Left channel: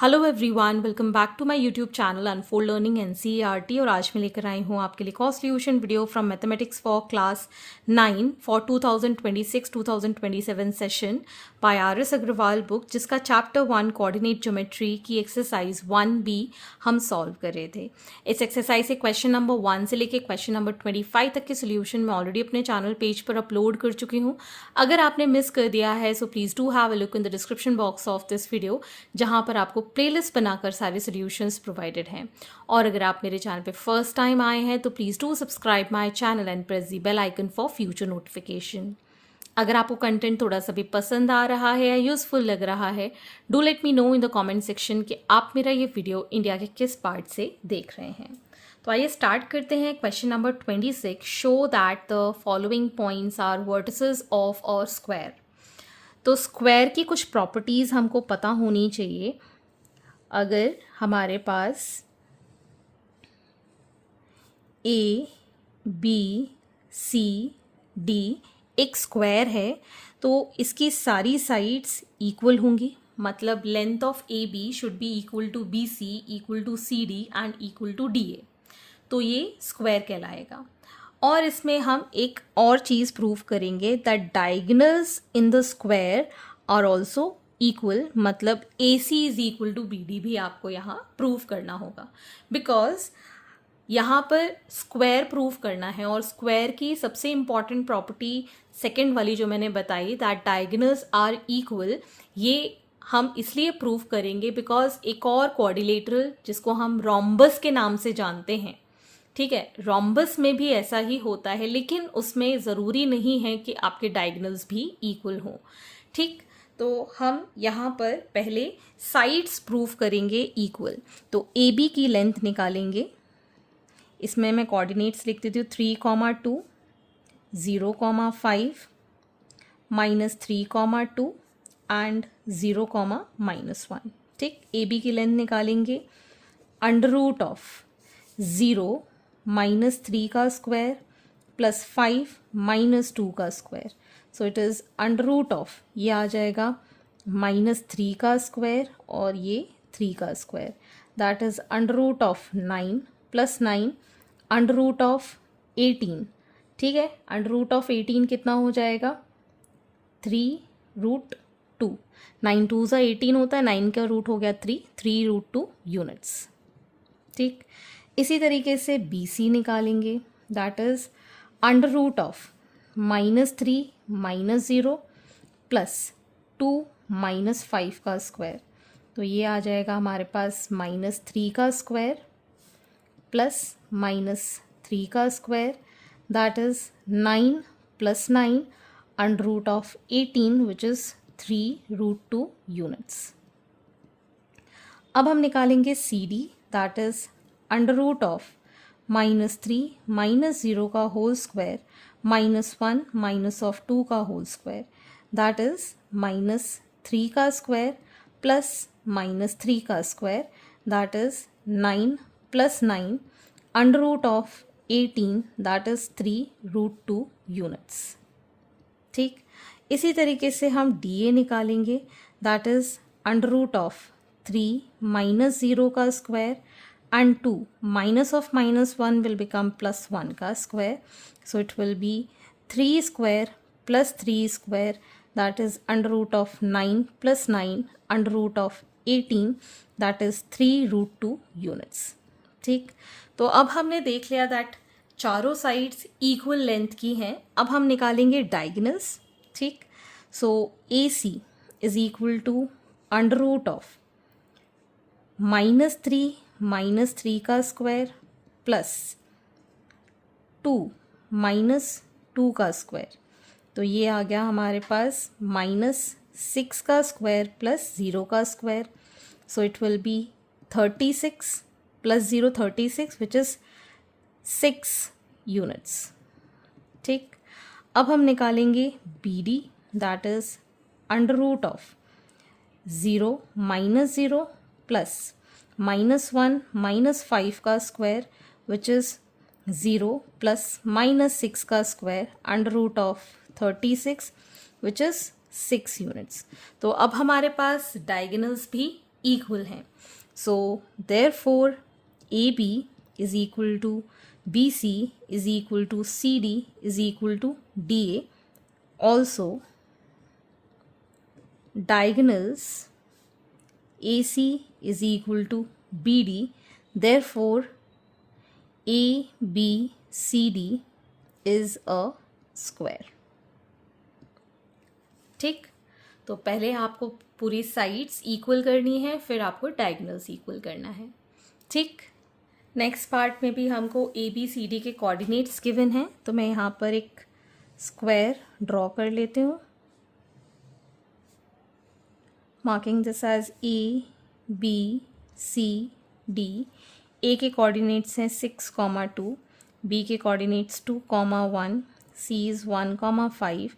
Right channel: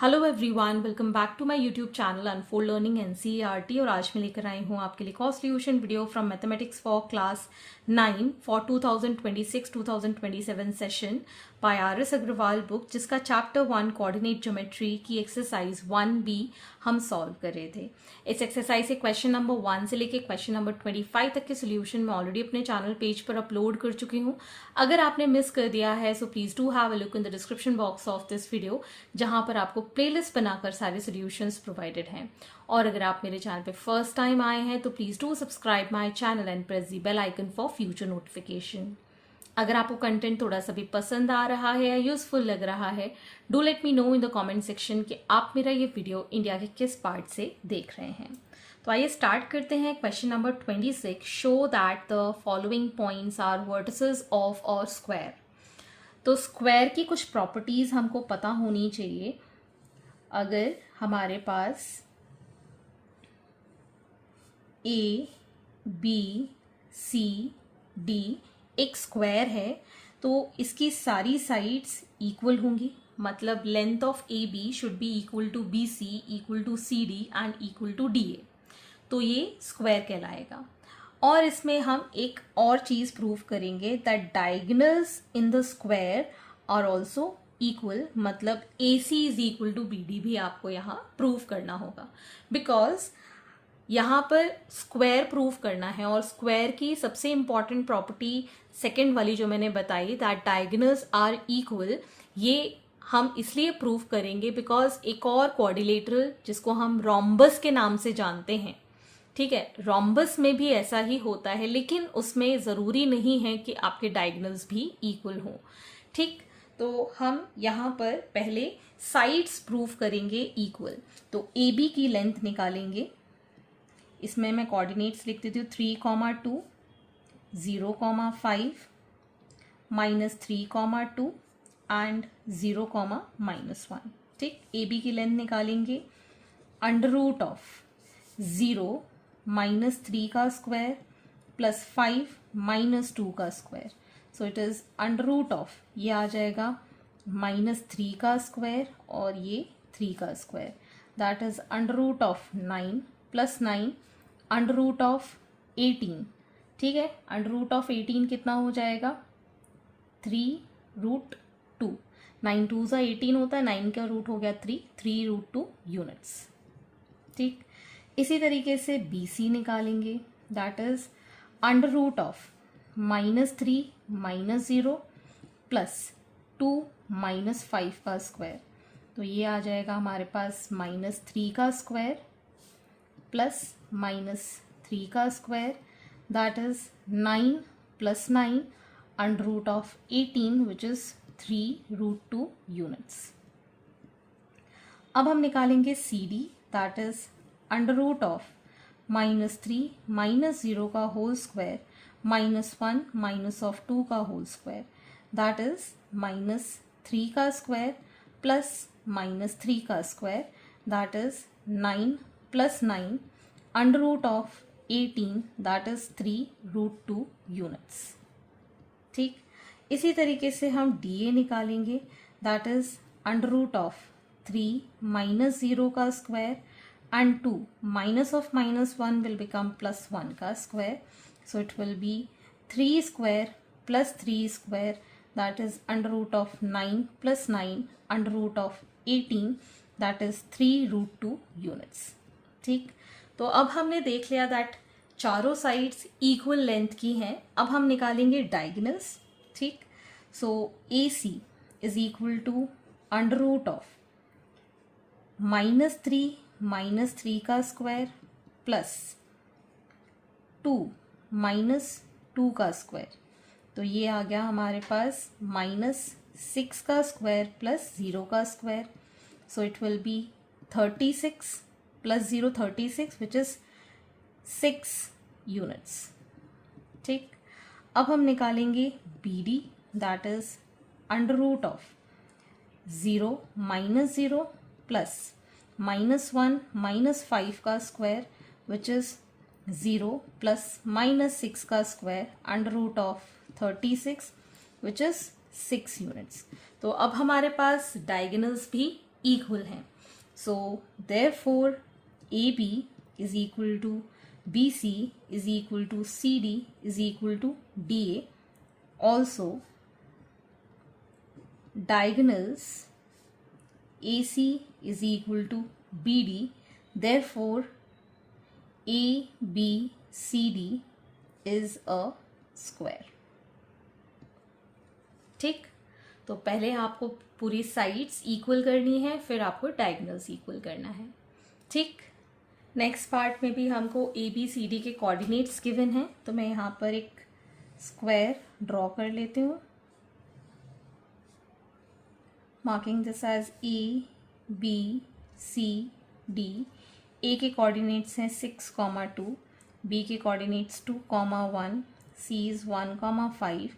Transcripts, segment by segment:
Hello everyone, welcome back to my YouTube channel unfold learning NCERT. और आज मैं लेकर आई हूँ आपके लिए cost solution video from mathematics for class 9 for 2026-2027 session by RS. Agarwal book, जिसका चैप्टर 1 कोऑर्डिनेट ज्योमेट्री की एक्सरसाइज 1B हम सॉल्व कर रहे थे। इस एक्सरसाइज से क्वेश्चन नंबर 1 से लेकर क्वेश्चन नंबर 25 तक के सोल्यूशन मैं ऑलरेडी अपने चैनल पेज पर अपलोड कर चुकी हूँ। अगर आपने मिस कर दिया है so please do have a look in the description box of this video, जहां पर आपको प्लेलिस्ट बनाकर सारे सॉल्यूशंस प्रोवाइडेड हैं। और अगर आप मेरे चैनल पे फर्स्ट टाइम आए हैं तो please do subscribe my channel and press the bell icon for future notification. अगर आपको कंटेंट थोड़ा सा भी पसंद आ रहा है या यूजफुल लग रहा है, do let me know in the comment section कि आप मेरा ये वीडियो इंडिया के किस पार्ट से देख रहे हैं। तो आइए स्टार्ट करते हैं। Question number 26, show that the following points are vertices of a square. तो स्क्वायर की कुछ प्रॉपर्टीज हमको पता होनी चाहिए। अगर हमारे पास ए बी सी डी एक स्क्वायर है तो इसकी सारी साइड्स इक्वल होंगी, मतलब length of A B should be equal to B C, equal to C D and equal to D A. तो ये स्क्वायर कहलाएगा। और इसमें हम एक और चीज प्रूव करेंगे that diagonals in the square are also equal, मतलब A C is equal to B D भी आपको यहाँ प्रूव करना होगा, बिकॉज यहाँ पर स्क्वायर प्रूव करना है। और स्क्वायर की सबसे इंपॉर्टेंट प्रॉपर्टी सेकेंड वाली जो मैंने बताई, दैट डायगोनल्स आर इक्वल, ये हम इसलिए प्रूव करेंगे बिकॉज एक और क्वाड्रिलेटरल जिसको हम रोम्बस के नाम से जानते हैं, ठीक है, रोम्बस में भी ऐसा ही होता है, लेकिन उसमें ज़रूरी नहीं है कि आपके डायगोनल्स भी इक्वल हों। ठीक, तो हम यहाँ पर पहले साइड्स प्रूव करेंगे इक्वल। तो ए बी की लेंथ निकालेंगे। इसमें मैं कोऑर्डिनेट्स लिख देती हूँ 3,2, 0,5, -3,2 एंड 0,-1। ठीक, ए बी की लेंथ निकालेंगे। अंडर रूट ऑफ 0 -3 का स्क्वायर प्लस 5 -2 का square, so it is under root of, ये आ जाएगा -3 का स्क्वायर और ये 3 का square, that is under root of 9 plus 9 under root of 18। ठीक है, अंडर रूट ऑफ 18 कितना हो जाएगा 3√2। 9 2 सा 18 होता है, 9 का रूट हो गया 3√2 यूनिट्स। ठीक, इसी तरीके से बी सी निकालेंगे, that is under root of -3 -0 plus 2 -5 का स्क्वायर, तो ये आ जाएगा हमारे पास -3 का स्क्वायर प्लस -3 का square, that is 9 plus 9 under root of 18 which is 3√2 units. अब हम निकालेंगे C D, that is under root of -3 -0 का होल स्क्वायर -1 -2 का होल स्क्वायर, दैट इज -3 का स्क्वायर प्लस -3 का square, that is 9 plus 9 under root of 18, that is 3√2 units. ठीक, इसी तरीके से हम डी ए निकालेंगे, that is under root of 3 -0 का square and 2 minus of -1 will become +1 का square, so it will be 3 square plus 3 square, that is under root of 9 plus 9 under root of 18, that is 3√2 units। ठीक, तो अब हमने देख लिया that चारों sides equal length की हैं। अब हम निकालेंगे डायगोनल्स। ठीक, so A C is equal to under root of -3 का स्क्वायर प्लस 2 -2 का स्क्वायर, तो ये आ गया हमारे पास -6 का स्क्वायर प्लस 0 का square, so it will be 36 plus 0 36 which is 6 units. ठीक, अब हम निकालेंगे B D, that is under root of 0 -0 plus -1 -5 का स्क्वायर विच इज 0 प्लस -6 का square under root of 36 which is 6 units. तो अब हमारे पास डायगोनल्स भी इक्वल हैं. So therefore AB is equal to BC is equal to CD is equal to DA. Also, diagonals AC is equal to BD. Therefore, ABCD is a square. ठीक, तो पहले आपको पूरी साइड्स इक्वल करनी है, फिर आपको डायगोनल्स इक्वल करना है. ठीक, नेक्स्ट पार्ट में भी हमको ABCD के कोऑर्डिनेट्स गिवन हैं, तो मैं यहाँ पर एक स्क्वायर ड्रॉ कर लेती हूँ, marking this as ABCD. A के कोऑर्डिनेट्स हैं 6, 2, B के कोऑर्डिनेट्स 2, 1, C इज़ 1, 5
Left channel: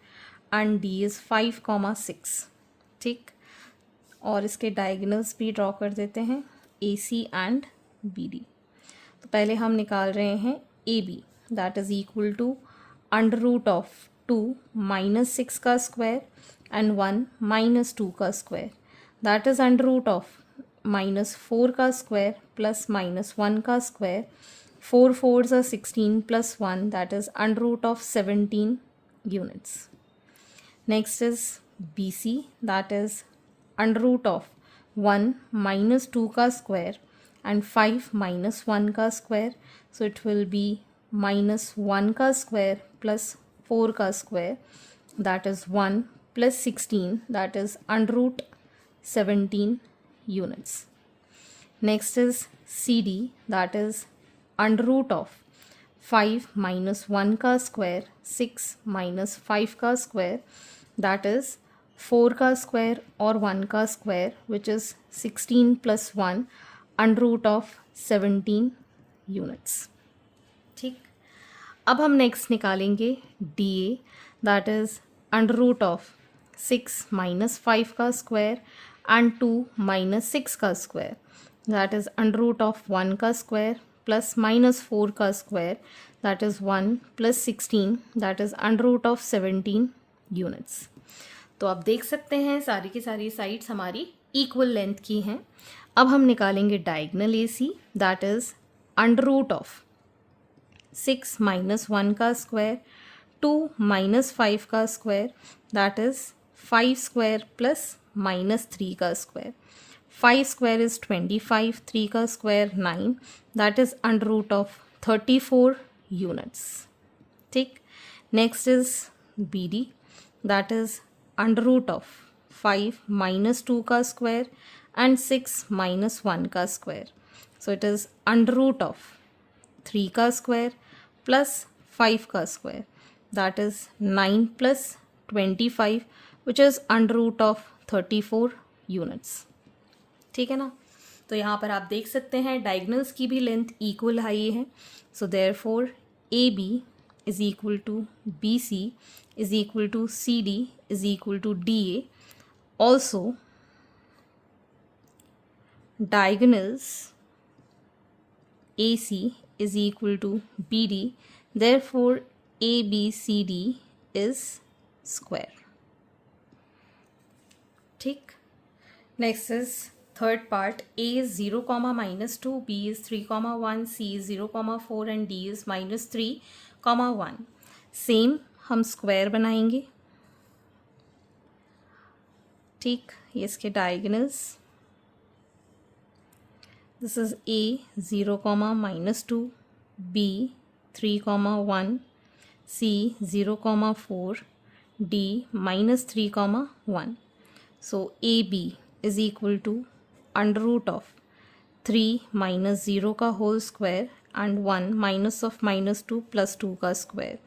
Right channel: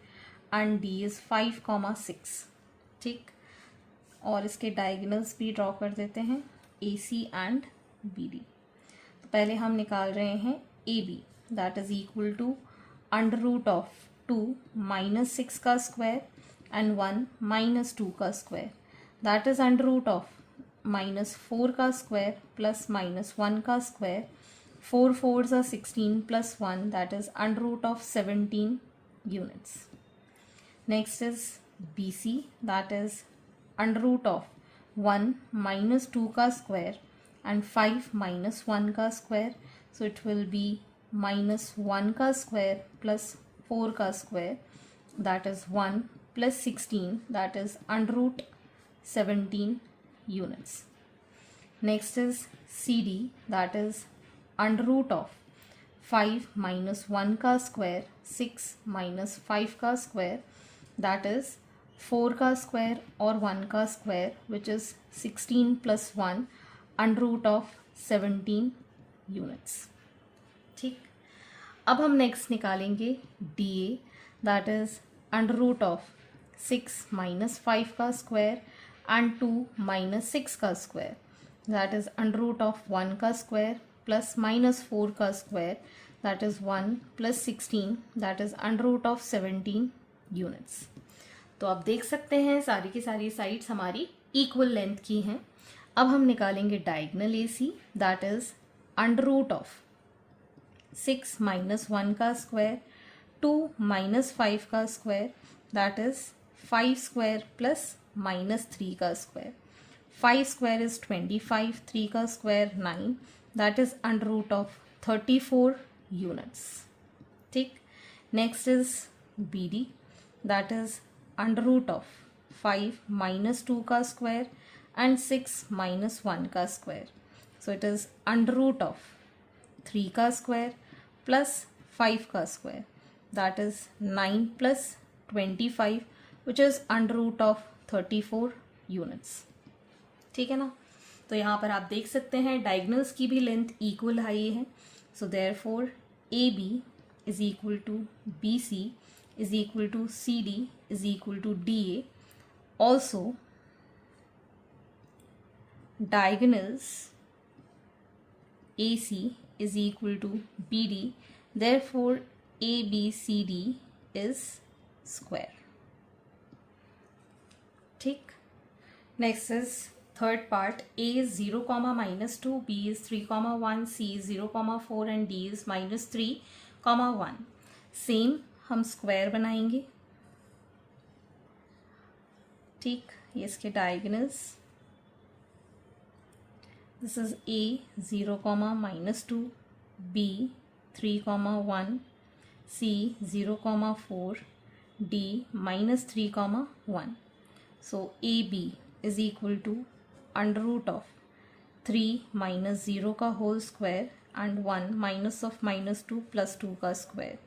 एंड D इज़ 5, 6. ठीक, और इसके डायगोनल्स भी ड्रॉ कर देते हैं AC एंड BD. तो पहले हम निकाल रहे हैं AB, that is equal to under root of 2 - 6 का स्क्वायर एंड 1 - 2 का square, that is under root of -4 का स्क्वायर प्लस -1 का square. 4 4s are 16 plus 1, that is under root of 17 units. Next is BC, that is under root of 1 minus 2 का square and 5 minus 1 का square. So it will be minus 1 का square plus 4 का square, that is 1 plus 16, that is under root 17 units. Next is CD, that is under root of 5 minus 1 का square, 6 minus 5 का square, that is 4 का square और 1 का square, which is 16 plus 1 under root of 17 units. ठीक, अब हम next निकालेंगे DA, that is under root of 6 minus 5 का स्क्वायर एंड 2 minus 6 का square, that is under root of 1 का स्क्वायर प्लस -4 का square, that is 1 plus 16, that is under root of 17 units. तो आप देख सकते हैं सारी की सारी साइड्स हमारी इक्वल लेंथ की हैं. अब हम निकालेंगे diagonal AC, that is under root of 6 minus 1 का स्क्वायर, 2 minus 5 का square, that is 5 square plus -3 का स्क्वायर. 5 square is 25, 3 का square 9, that is under root of 34 units. ठीक, next is BD, that is under root of 5 minus 2 का square and 6 minus 1 का square. So it is under root of 3 का square plus 5 का square, that is 9 plus 25, which is under root of 34 units. ठीक है ना, तो यहाँ पर आप देख सकते हैं डायगोनल्स की भी लेंथ इक्वल आई है. So therefore AB is equal to BC is equal to CD is equal to DA. Also diagonals AC is equal to BD, therefore ABCD is square. ठीक, next is third part. A is 0, -2, B is 3, 1, C is 0, 4 and D is -3, 1. Same हम square बनाएंगे. ठीक, ये इसके diagonals, this is A 0, -2, B 3, 1, C 0, 4, D -3, 1. So AB is equal to under root of 3 minus 0 का whole square and 1 minus of -2 plus 2 का square.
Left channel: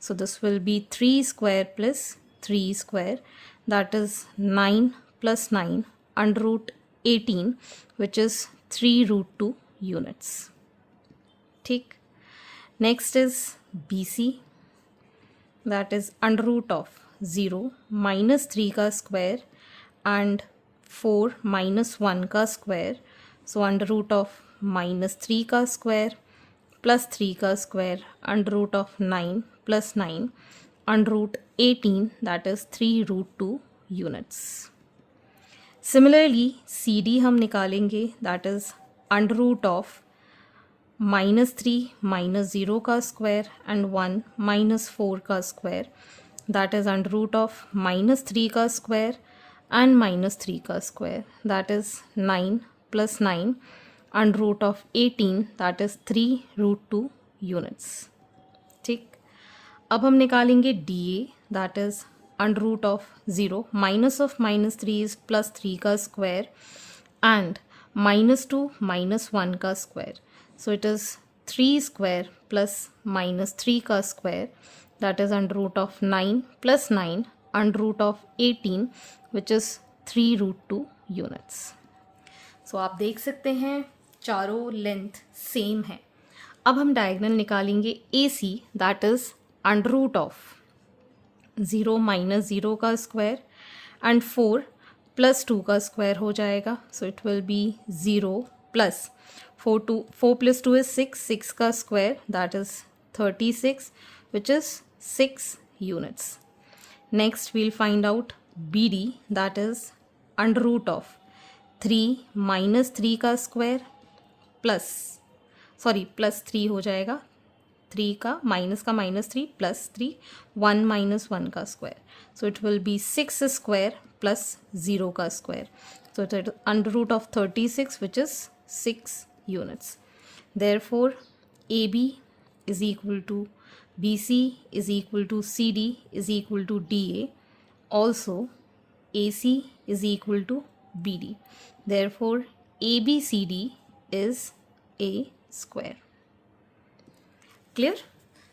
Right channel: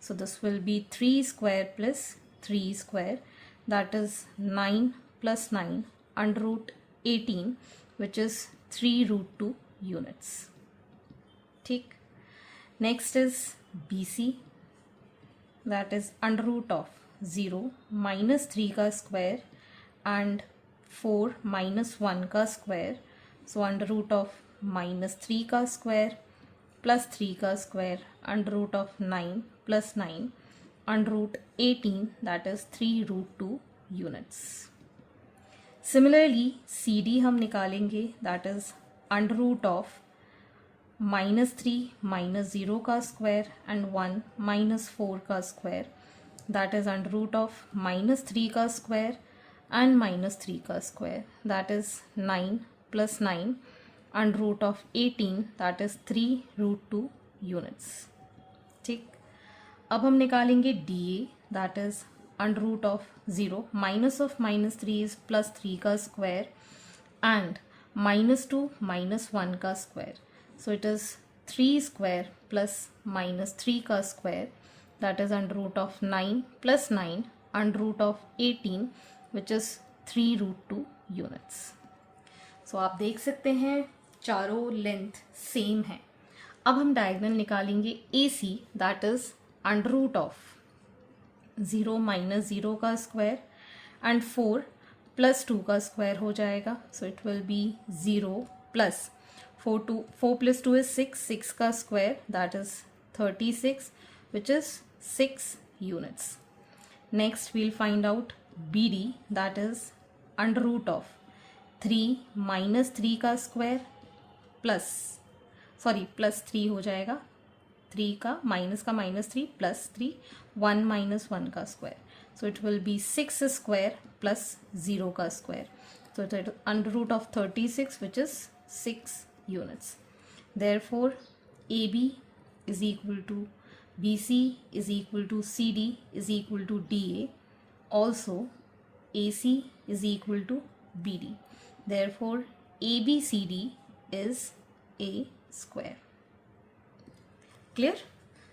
So this will be 3 square plus 3 square, that is 9 plus 9 under root 18, which is 3√2 units. ठीक, next is BC, that is under root of 0 minus 3 का square and 4 minus 1 का square. So under root of -3 का square plus 3 का square under root of 9 plus 9 under root 18, that is 3√2 units. Similarly C D हम निकालेंगे, that is under root of -3 -0 का square and 1 -4 का square, that is under root of -3 का square and -3 का square, that is 9 + 9 under root of 18, that is 3√2 units. ठीक, अब हम निकालेंगे D A, that is under root of 0 minus of -3 is +3 का square and -2 -1 का square, so it is 3 square plus -3 का square, that is under root of 9 plus 9 under root of 18, which is 3√2 units. So आप देख सकते हैं चारों length same है। अब हम डायगोनल निकालेंगे AC, that is under root of 0 - 0 का स्क्वायर एंड 4 + 2 का स्क्वायर हो जाएगा, so it will be 0 plus 4 + 2 is 6, 6 का square that is 36, which is 6 units. Next we'll find out BD, that is under root of 3 - 3 का square plus 3 हो जाएगा, 3 का -3 + 3 1 - 1 का square, so it will be 6 square plus 0 का square, so it is under root of 36, which is 6 units. Therefore AB is equal to BC is equal to CD is equal to DA. Also AC is equal to BD. Therefore ABCD is A square. Clear?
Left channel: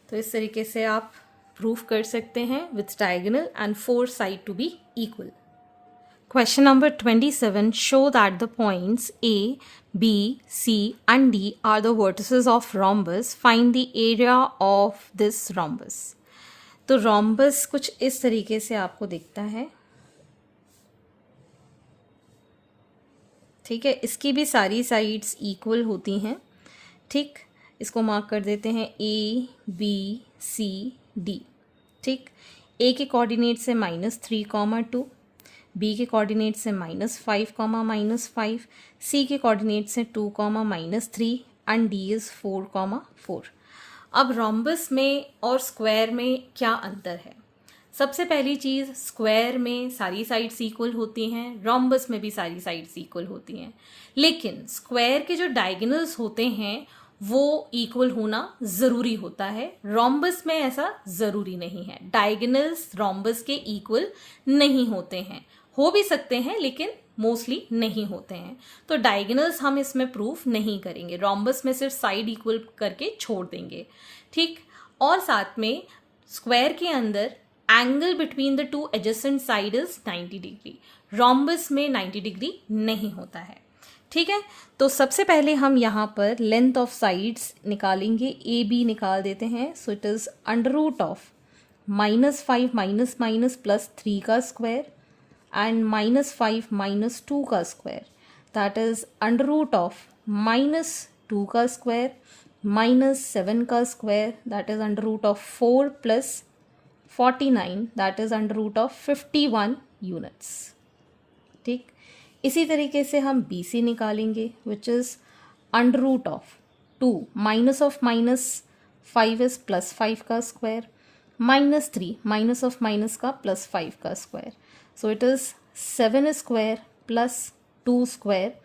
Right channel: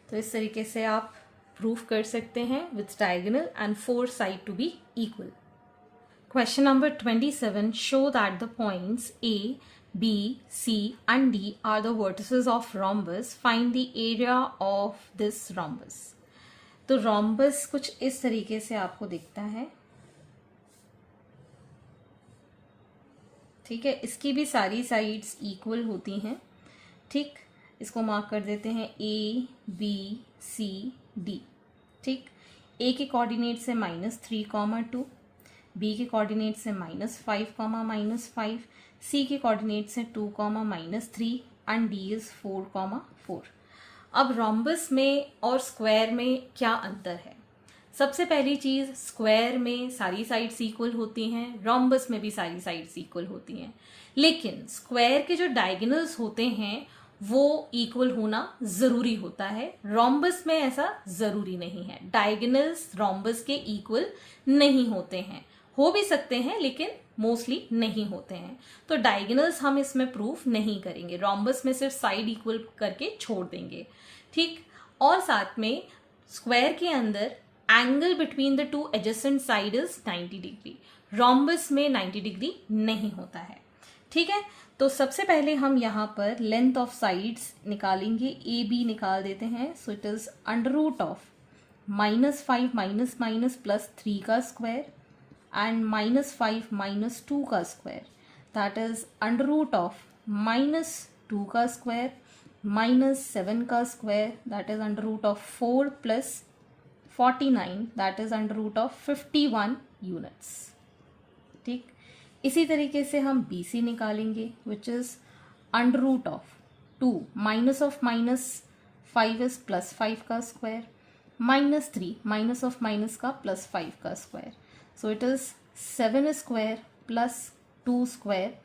तो इस तरीके से आप proof कर सकते हैं with diagonal and 4 side to be equal. Question number 27. Show that the points A, B, C and D are the vertices of rhombus. Find the area of this rhombus. तो rhombus कुछ इस तरीके से आपको दिखता है। ठीक है, इसकी भी सारी साइड्स इक्वल होती हैं। ठीक, इसको मार्क कर देते हैं A, B, C, D। ठीक, A के कोऑर्डिनेट से -3, 2, B के कोऑर्डिनेट से -5, -5, C के कोऑर्डिनेट से 2, -3 एंड D इज 4, 4। अब रोम्बस में और स्क्वायर में क्या अंतर है? सबसे पहली चीज, स्क्वायर में सारी साइड्स इक्वल होती हैं, रोम्बस में भी सारी साइड्स इक्वल होती हैं, लेकिन स्क्वायर के जो डायगोनल्स होते हैं वो इक्वल होना जरूरी होता है। रोम्बस में ऐसा जरूरी नहीं है, डायगोनल्स रोम्बस के इक्वल नहीं होते हैं, हो भी सकते हैं लेकिन मोस्टली नहीं होते हैं। तो डायगोनल्स हम इसमें प्रूफ नहीं करेंगे, रोम्बस में सिर्फ साइड इक्वल करके छोड़ देंगे। ठीक, और साथ में स्क्वायर के अंदर angle between the 2 adjacent side is 90 degree, rhombus में 90 डिग्री नहीं होता है। ठीक है, तो सबसे पहले हम यहाँ पर लेंथ ऑफ साइड्स निकालेंगे, ए बी निकाल देते हैं। So it is under root of -5 plus 3 का स्क्वायर एंड -5 2 का square, that is under root of -2 का स्क्वायर -7 का square, that is under root of 4 plus 49, that is under root of 51 units. ठीक, इसी तरीके से हम बी सी निकालेंगे, which is under root of 2 -5 is +5 का स्क्वायर -3 माइनस ऑफ माइनस का +5 का square, so it is 7 square plus 2 square,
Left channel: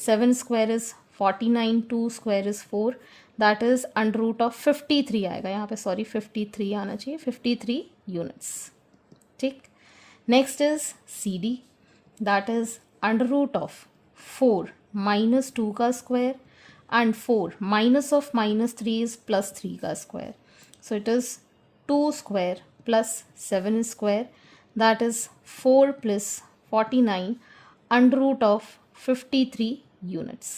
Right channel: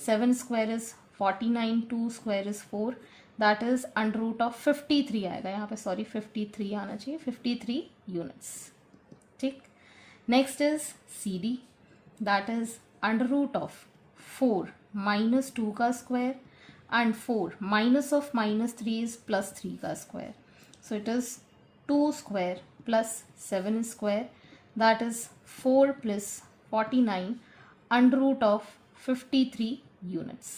7 square is 49, 2 square is 4, that is under root of 53 आएगा यहाँ पे, सॉरी 53 आना चाहिए, 53 यूनिट्स। ठीक, next is C D, that is under root of 4 -2 का square and 4 minus of -3 is +3 का square, so it is 2 square plus 7 square, that is 4 plus 49 under root of 53 units.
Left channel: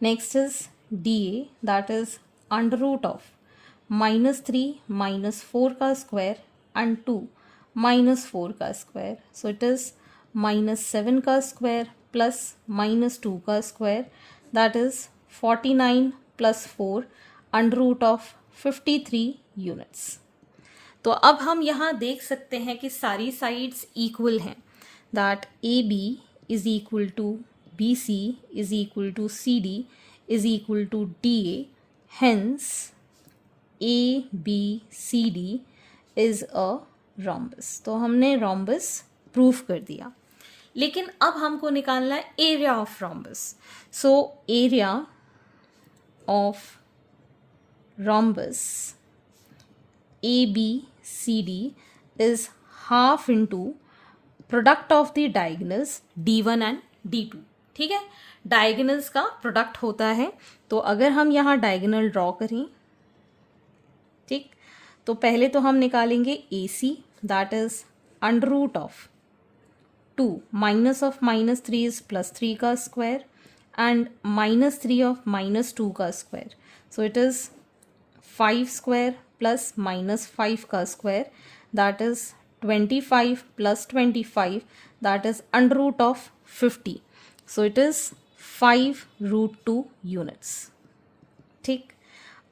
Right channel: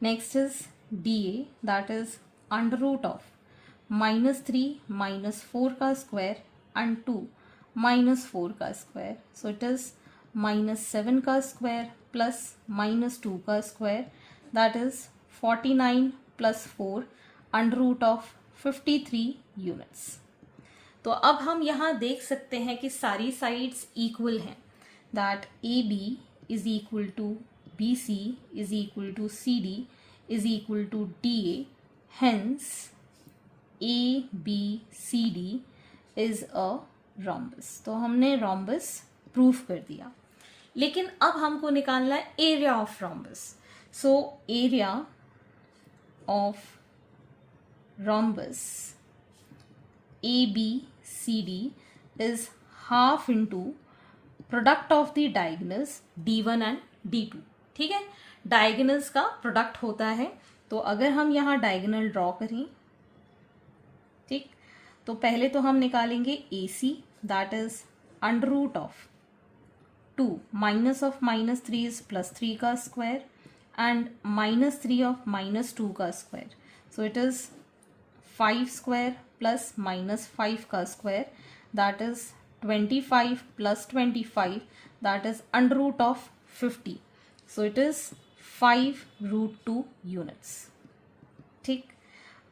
Next is D A, that is under root of -3 -4 का square and 2 -4 का square, so it is -7 का square plus -2 का square, that is 49 plus 4 under root of 53 units. तो अब हम यहाँ देख सकते हैं कि सारी साइड्स इक्वल हैं, that AB is equal to BC is equal to CD is equal to DA. Hence ABCD is a rhombus. तो हमने rhombus प्रूफ कर दिया, लेकिन अब हमको निकालना है area of rhombus. So area of rhombus ABCD is half into product of the diagonals D1 and D2. ठीक है, डायगोनल्स का प्रोडक्ट होता है. तो अगर हम यहाँ डायगोनल ड्रॉ करें, ठीक, तो पहले तो हम निकालेंगे AC, that is under root of 2 minus of -3 is +3 का स्क्वायर एंड -3 ऑफ -2 का square. So it is 5 square plus -5 का square, that is 25 plus 25, that is under root of 50. So it is 5 root 2 units. ठीक,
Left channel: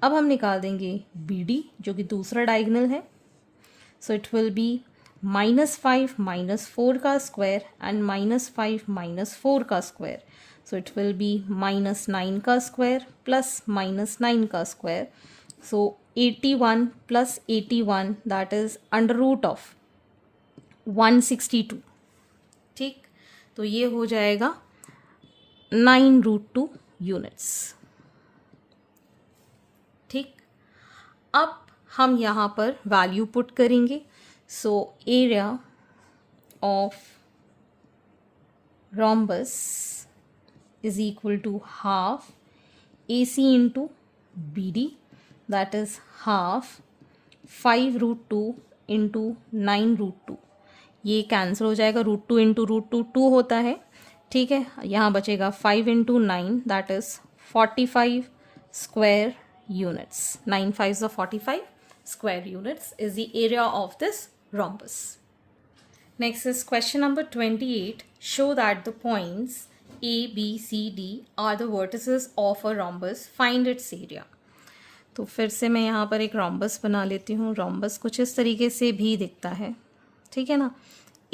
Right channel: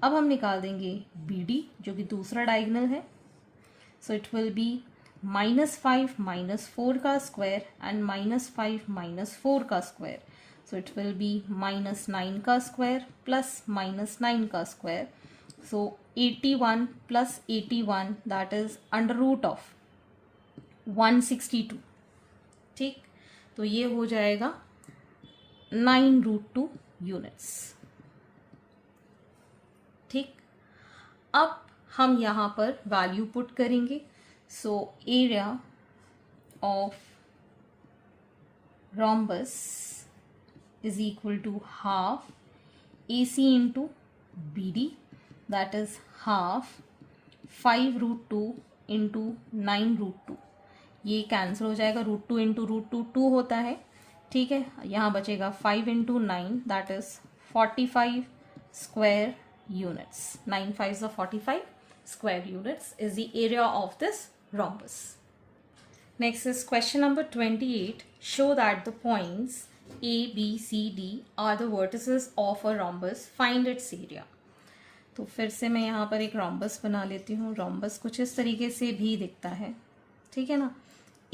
अब हम निकाल देंगे BD जो कि दूसरा डायगोनल है. So it will be -5 -4 का स्क्वायर एंड -5 -4 का square. So it will be -9 का स्क्वायर प्लस -9 का square. So 81 plus 81, that is under root of 162. ठीक, तो ये हो जाएगा 9 रूट 2 यूनिट्स. ठीक, अब हम यहाँ पर वैल्यू पुट करेंगे. So area of rhombus is equal to half AC into BD, that is half 5 root 2 into 9 root 2. ये कैंसिल हो जाएगा, √2 इंटू √2 2 होता है. ठीक है, यहाँ बचेगा 5 into 9, that is 45 square units. 9 5s are 45 square units is the area of this rhombus. Next is question number 28. Show that the points A, B, C, D are the vertices of a rhombus. Find its area. तो फिर से मैं यहाँ पर एक rhombus बना लेती हूँ. rhombus कुछ इस तरीके से भी दिखता है. ठीक है ना,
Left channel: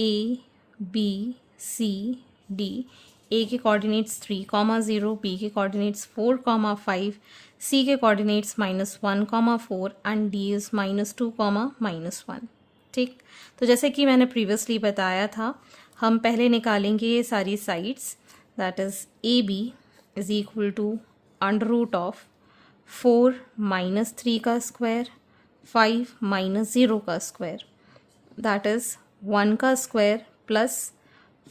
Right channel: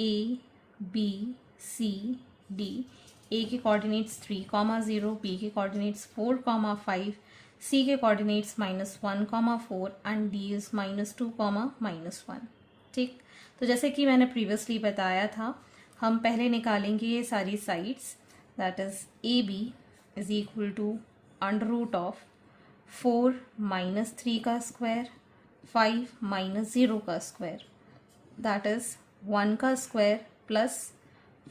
A, B, C, D. A के कोऑर्डिनेट्स 3,0, B के कोऑर्डिनेट्स 4,5, C के कोऑर्डिनेट्स -1,4 एंड D इज़ -2, -1. ठीक, तो जैसे कि मैंने प्रीवियसली बताया था, हम पहले निकालेंगे ये सारी sides. That is AB is equal to under root of 4 -3 का स्क्वायर, 5 -0 का स्क्वायर, दैट इज़ 1 का स्क्वायर प्लस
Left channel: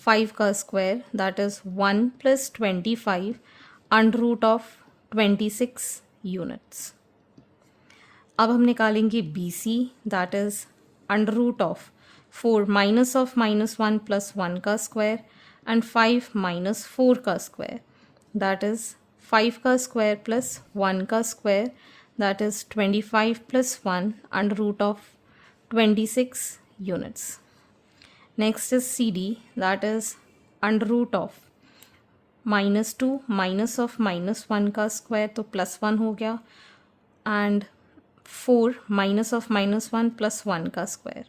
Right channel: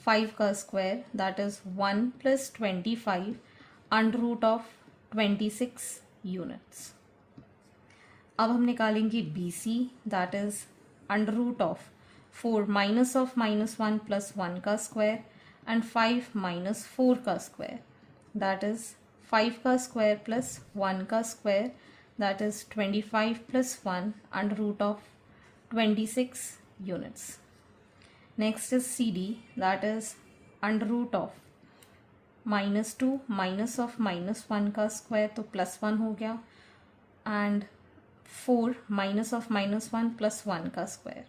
5 का square, that is 1 + 25 under root of 26 units. अब हम निकालेंगे BC, that is under root of 4 minus of -1 + 1 का square and 5 - 4 का square, that is 5 का स्क्वायर प्लस 1 का square, that is 25 + 1 under root of 26 units. Next is CD, that is under root of -2 minus of -1 का square, तो +1 हो गया, and 4 minus of -1 + 1 का square,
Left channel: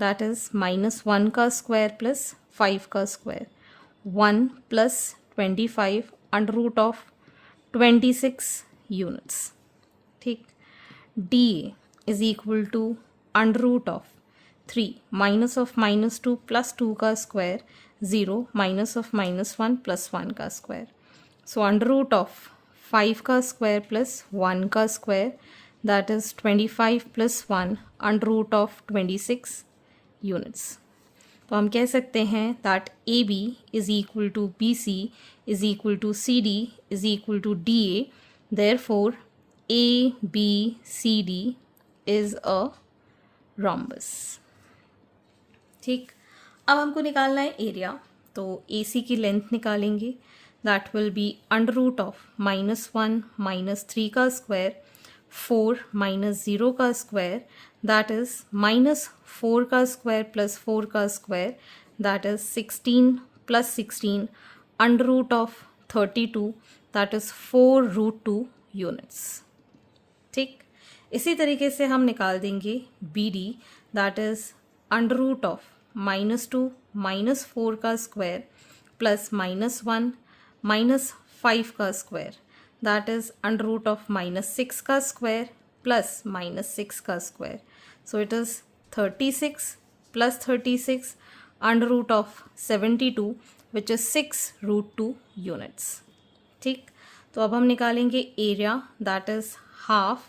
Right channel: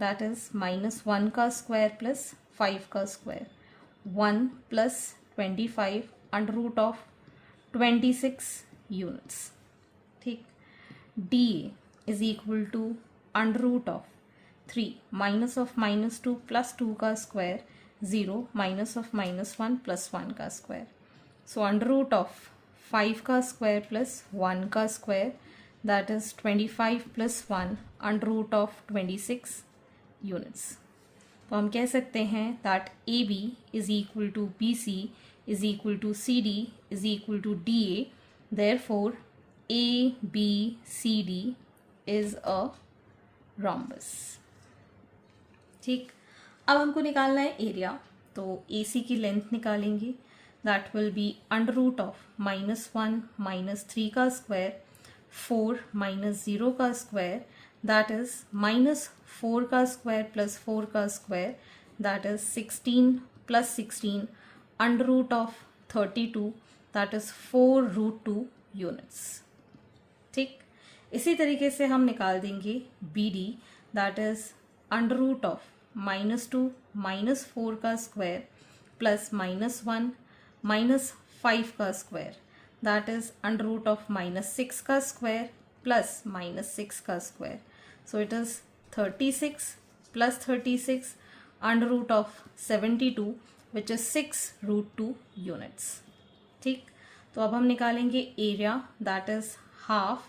that is -1 का square plus 5 का square, 1 + 25 under root of 26 units. ठीक, DA is equal to under root of 3 minus of -2 + 2 का square, 0 minus of -1 + 1 का square. So under root of 5 का स्क्वायर प्लस 1 का square, that is 25 + 1 under root of 26 units. तो हम कह सकते हैं that AB is equal to BC is equal to CD is equal to DA. Therefore ABCD is a rhombus. ठीक, अब हमको निकालना है एरिया. तो AC की लेंथ निकालेंगे, that will be under root of -1 -3 का स्क्वायर, 4 -0 का स्क्वायर, दैट इज -4 का स्क्वायर प्लस 4 का square, that is 16 + 16 under root of 32, that is 4 root 2 units. ठीक, इसी तरीके से हम निकाल देंगे BD, that is under root of -2 -4 का स्क्वायर प्लस -1 -5 का square, that is under root of -6 का स्क्वायर प्लस -6 का square. So it is 36 plus 36 under root of 72 which is 6√2 units. ठीक, तो अब हम निकालेंगे area, that is half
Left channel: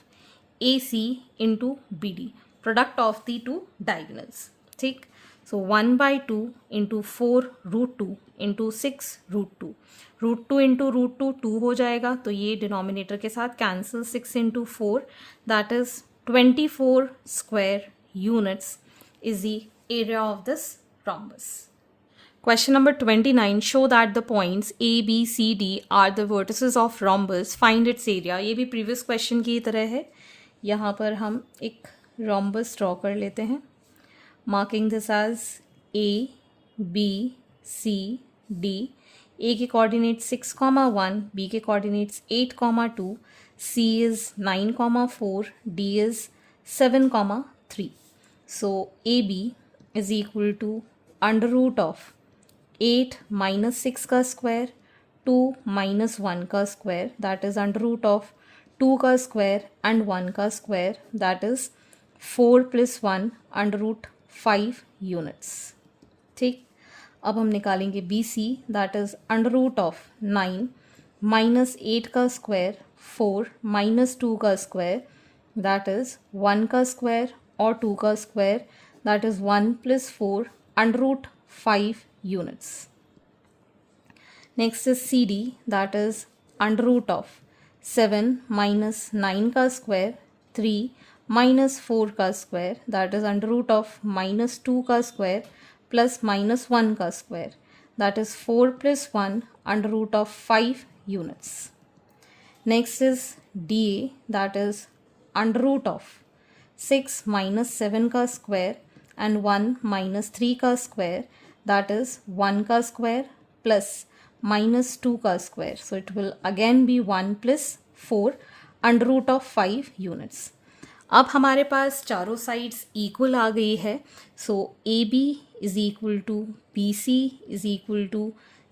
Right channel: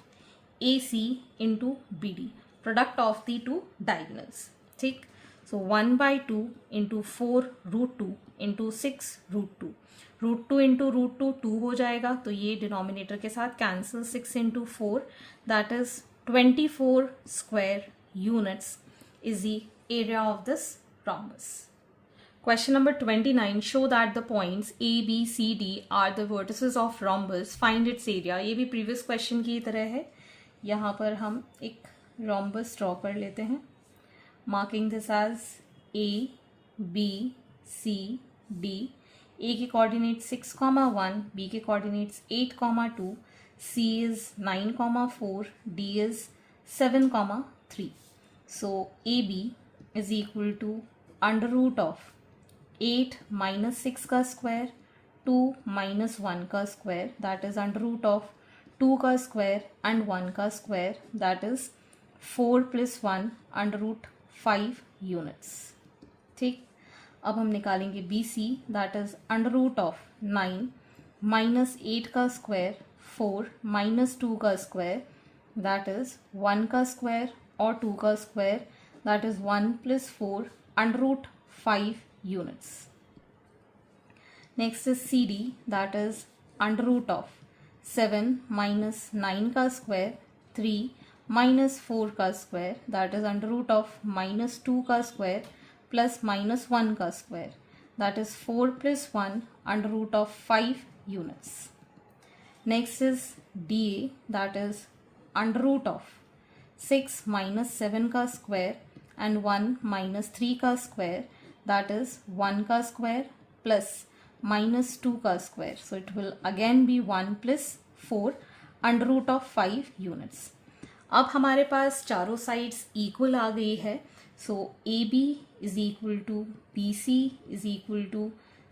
AC into BD, product of the two diagonals. ठीक, so 1/2 into 4√2 into 6√2. √2 into √2 2 हो जाएगा, तो ये डिनोमिनेटर के साथ cancel. 6 into 4 that is 24 square units is the area of this rhombus. Question number 29. Show that the points A, B, C, D are the vertices of rhombus. Find its area. ये भी previous question की तरह है. यहाँ पर हम एक rhombus draw कर लेते हैं. Marking this as A, B, C, D. A के coordinates 6,1, B के coordinates 8,2, C is 9,4, D is 7,3. So AB is equal to under root of 8 minus 6 का स्क्वायर 2 minus 1 का square, that is under root of 2 का square and 1 का square, that is 4 + 1 under root 5 units. ठीक, अब हम निकालेंगे BC, that is under root of 9 minus 8 का square 4 minus 2 का स्क्वायर, दैट इज 1 का स्क्वायर और 2 का square, that is 1 + 4 under root 5 units. Next is CD, that is under root of 7 minus 9 का square 3 minus 4 का square, that is under root of -2 का square plus -1 का square, that is 4 + 1 under root of 5 units. Next is DA, that is under root of 6 minus 7 का square and 1 minus 3 का square, that is 1 का square plus -2 का square. So it will again be 1 + 4 under root of 5 units. अब हमारे पास चारों sides equal आ गई है. सो AB is equal to BC is equal to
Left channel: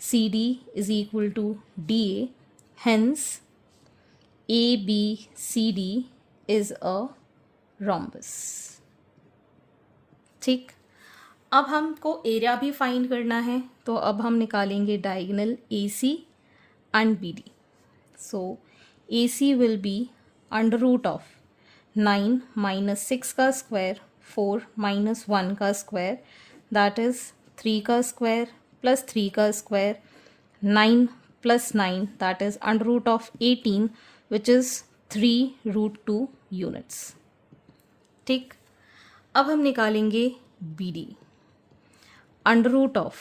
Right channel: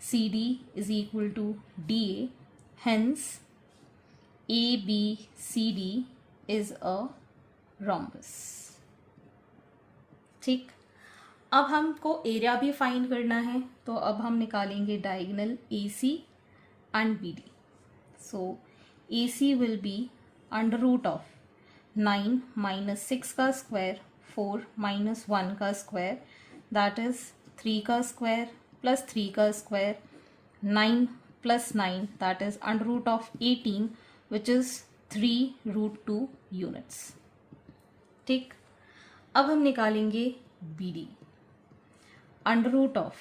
CD is equal to DA. Hence ABCD is a rhombus. ठीक, अब हमको area भी find करना है, तो अब हम निकालेंगे diagonal AC and BD. So AC will be under root of 9 minus 6 का स्क्वायर 4 minus 1 का स्क्वायर, दैट इज 3 का स्क्वायर प्लस 3 का square 9 + 9, that is under root of 18 which is 3√2 units. ठीक, अब हम निकालेंगे BD. Under root of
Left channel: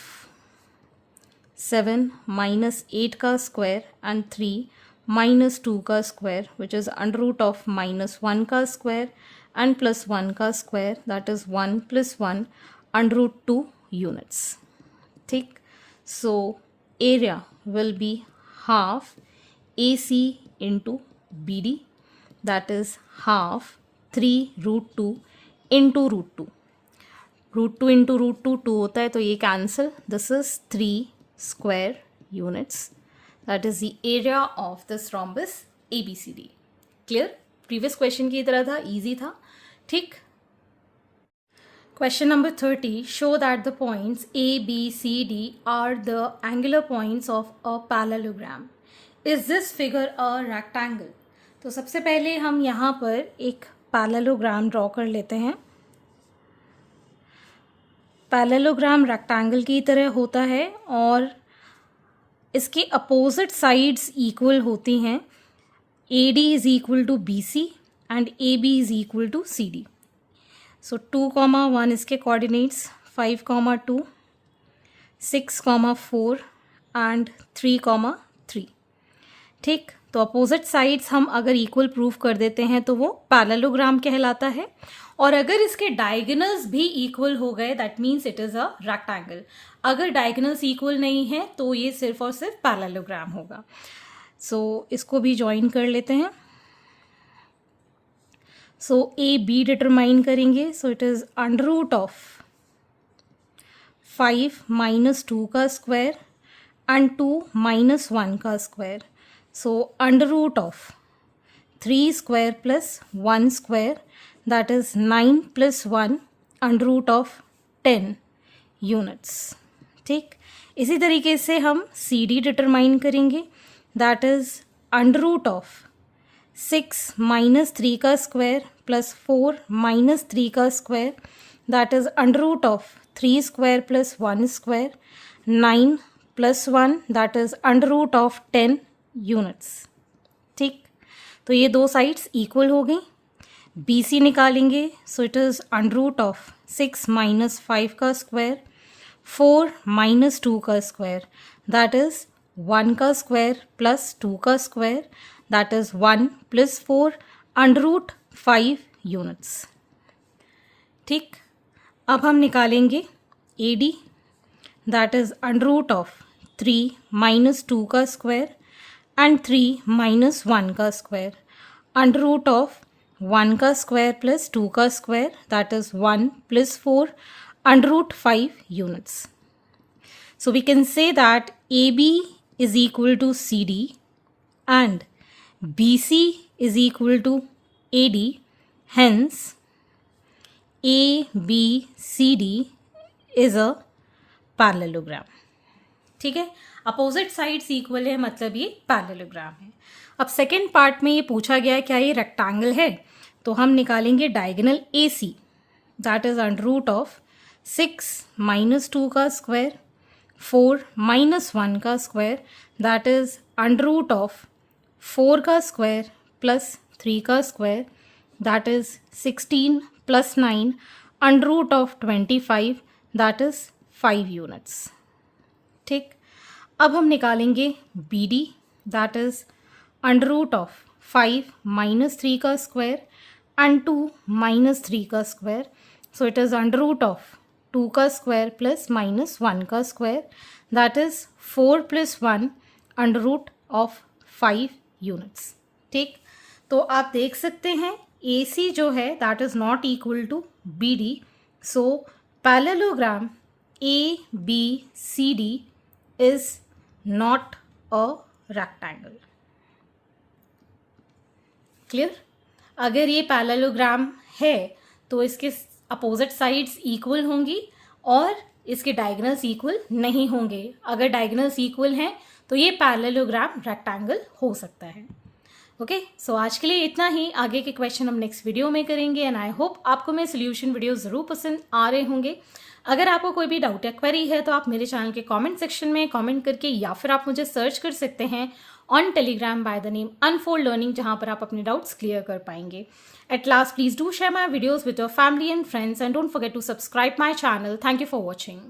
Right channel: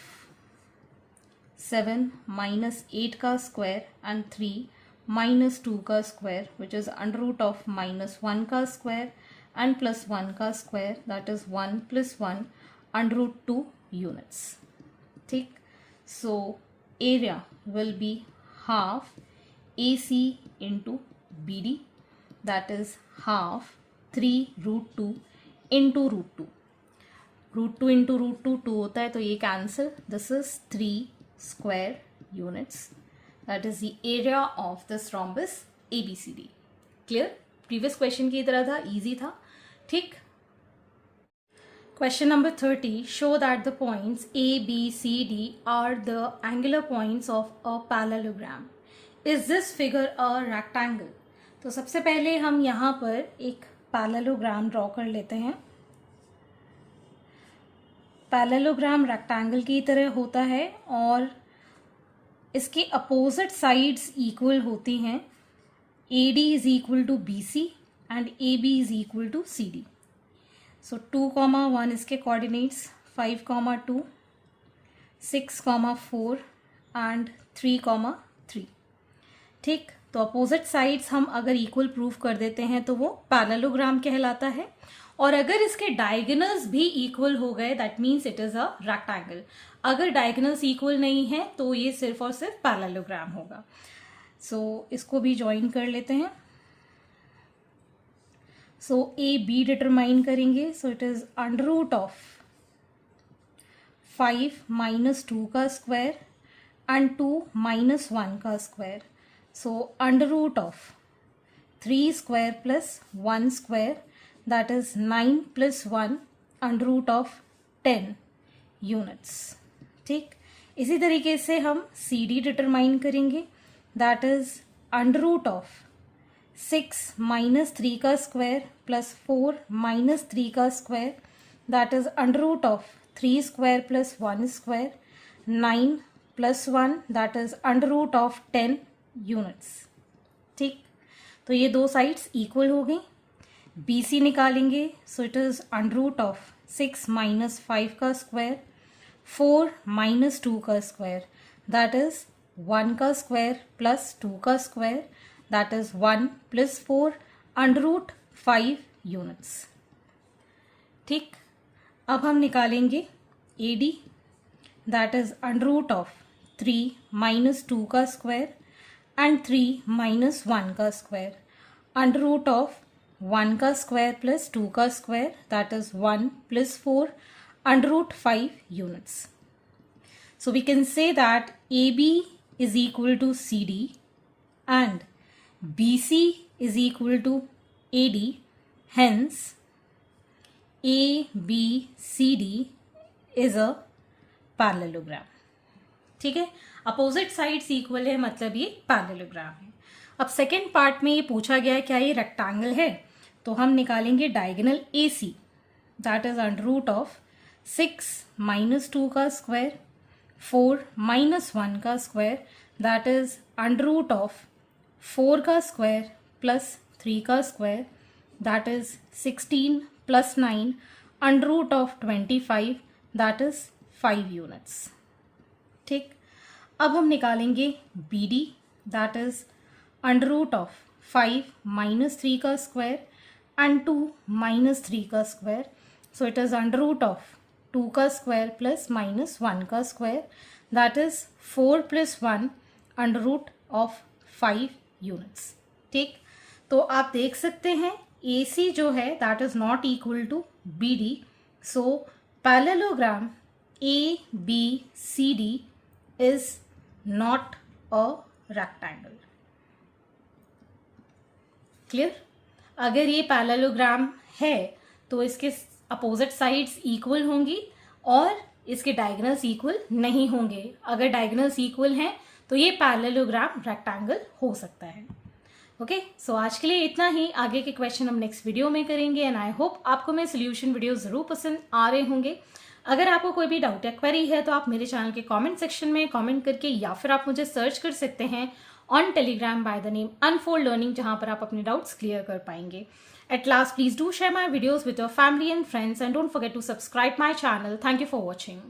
7 minus 8 का square and 3 minus 2 का square which is under root of -1 का स्क्वायर एंड +1 का square, that is 1 + 1 under root 2 units. ठीक, so area will be half AC into BD, that is half 3√2 into √2. √2 into √2 2 होता है, तो ये cancel. This is 3 square units, that is the area of this rhombus ABCD. Clear? Previous question की तरह था, easy था. ठीक, question number 30. Show that the points ABCD are the angular points of a parallelogram. Is this figure a rectangle? तो सबसे पहले हम यहाँ पर एक पैरेललोग्राम ड्रॉ कर लेते हैं. पैरेललोग्राम रेक्टेंगल की तरह होता है और इसके अपोजिट साइड्स इक्वल होती हैं. AD is equal to BC and AB is equal to CD. So 2,1 इसके कोऑर्डिनेट्स, 5,2, 6,4 एंड 3,3. ठीक, तो अपोजिट साइड्स हम अगर इक्वल प्रूव कर देते हैं तो वो पैरेललोग्राम कहलाता है. और अगर इसके डायगोनल्स भी इक्वल हो गए that means it is a rectangle. अगर डायगोनल्स इक्वल नहीं है तो ये सिर्फ और सिर्फ पैरेललोग्राम होगा. सो इसको भी ज्वाइन कर लेते हैं. सो AB डिटरमाइन करेंगे. So it is under root of 5 minus 2 का स्क्वायर एंड 2 माइनस 1 का square. So under root of 3 square plus 1 square, that is 9 plus 1 under root of 10 units. ठीक, इसी तरीके से हम सी डी डिटरमाइन करेंगे. That is under root of 6 minus 3 का square plus 4 minus 3 का square, that is under root of 3 square plus 1 square, 9 plus 1 that is under root of 10 units. ठीक, तो ये दो साइड्स इक्वल हो गई. बी सी निकालेंगे. So it is under root of 6 minus 5 का स्क्वायर, 4 माइनस 2 का स्क्वायर, दैट इज 1 का स्क्वायर प्लस 2 का square, that is 1 plus 4 under root 5 units. ठीक, अब हम निकालेंगे A D. That is under root of 3 minus 2 का स्क्वायर एंड 3 माइनस 1 का स्क्वायर, अंडर रूट ऑफ 1 का स्क्वायर प्लस 2 का square, that is 1 plus 4 under root 5 units. So we can say that AB is equal to CD and BC is equal to AD. Hence, ABCD is a parallelogram. ठीक है, opposite sides equal है मतलब ये parallelogram है. अब second part में ये पूछा गया है क्या ये रेक्टेंगल है, तो हम निकालेंगे diagonal AC. That is under root of 6 minus 2 का स्क्वायर, 4 माइनस 1 का square, that is under root of 4 का स्क्वायर प्लस 3 का square, that is 16 plus 9 under root of 25, that is 5 units. ठीक, अब हम निकालेंगे B D. That is under root of 5 minus 3 का square and 2 minus 3 का square. So it is under root of 2 का square plus minus 1 का square, that is 4 plus 1 under root of 5 units. ठीक, तो आप देख सकते हैं ए सी जो है that is not equal to B D. So parallelogram A B C D is not a rectangle. Clear? अगर ये पैरेललोग्राम है तो इसके अपोजिट साइड्स इक्वल होंगी और इसके डायगोनल्स इक्वल नहीं होंगे. अगर डायगोनल्स इक्वल हैं तो ये पैरेललोग्राम रेक्टेंगल हो सकता है. ओके, सो आज के लिए इतना ही. आगे के क्वेश्चन हम नेक्स्ट वीडियो में करेंगे एंड आई होप आपको मेरे सोल्यूशन वीडियो जरूर पसंद आ रहे होंगे. अगर आपको कोई भी डाउट या क्वेरी है तो आप मेरे चैनल के कमेंट सेक्शन में कमेंट करके या फिर आप मुझे सर्च कर सकते हैं on Telegram by the name unfold learning, जहां पर आप अपने डाउट्स क्लियर कर पाएंगे. At last, please do share my videos with your family and friends and don't forget to subscribe my channel. Thank you for watching.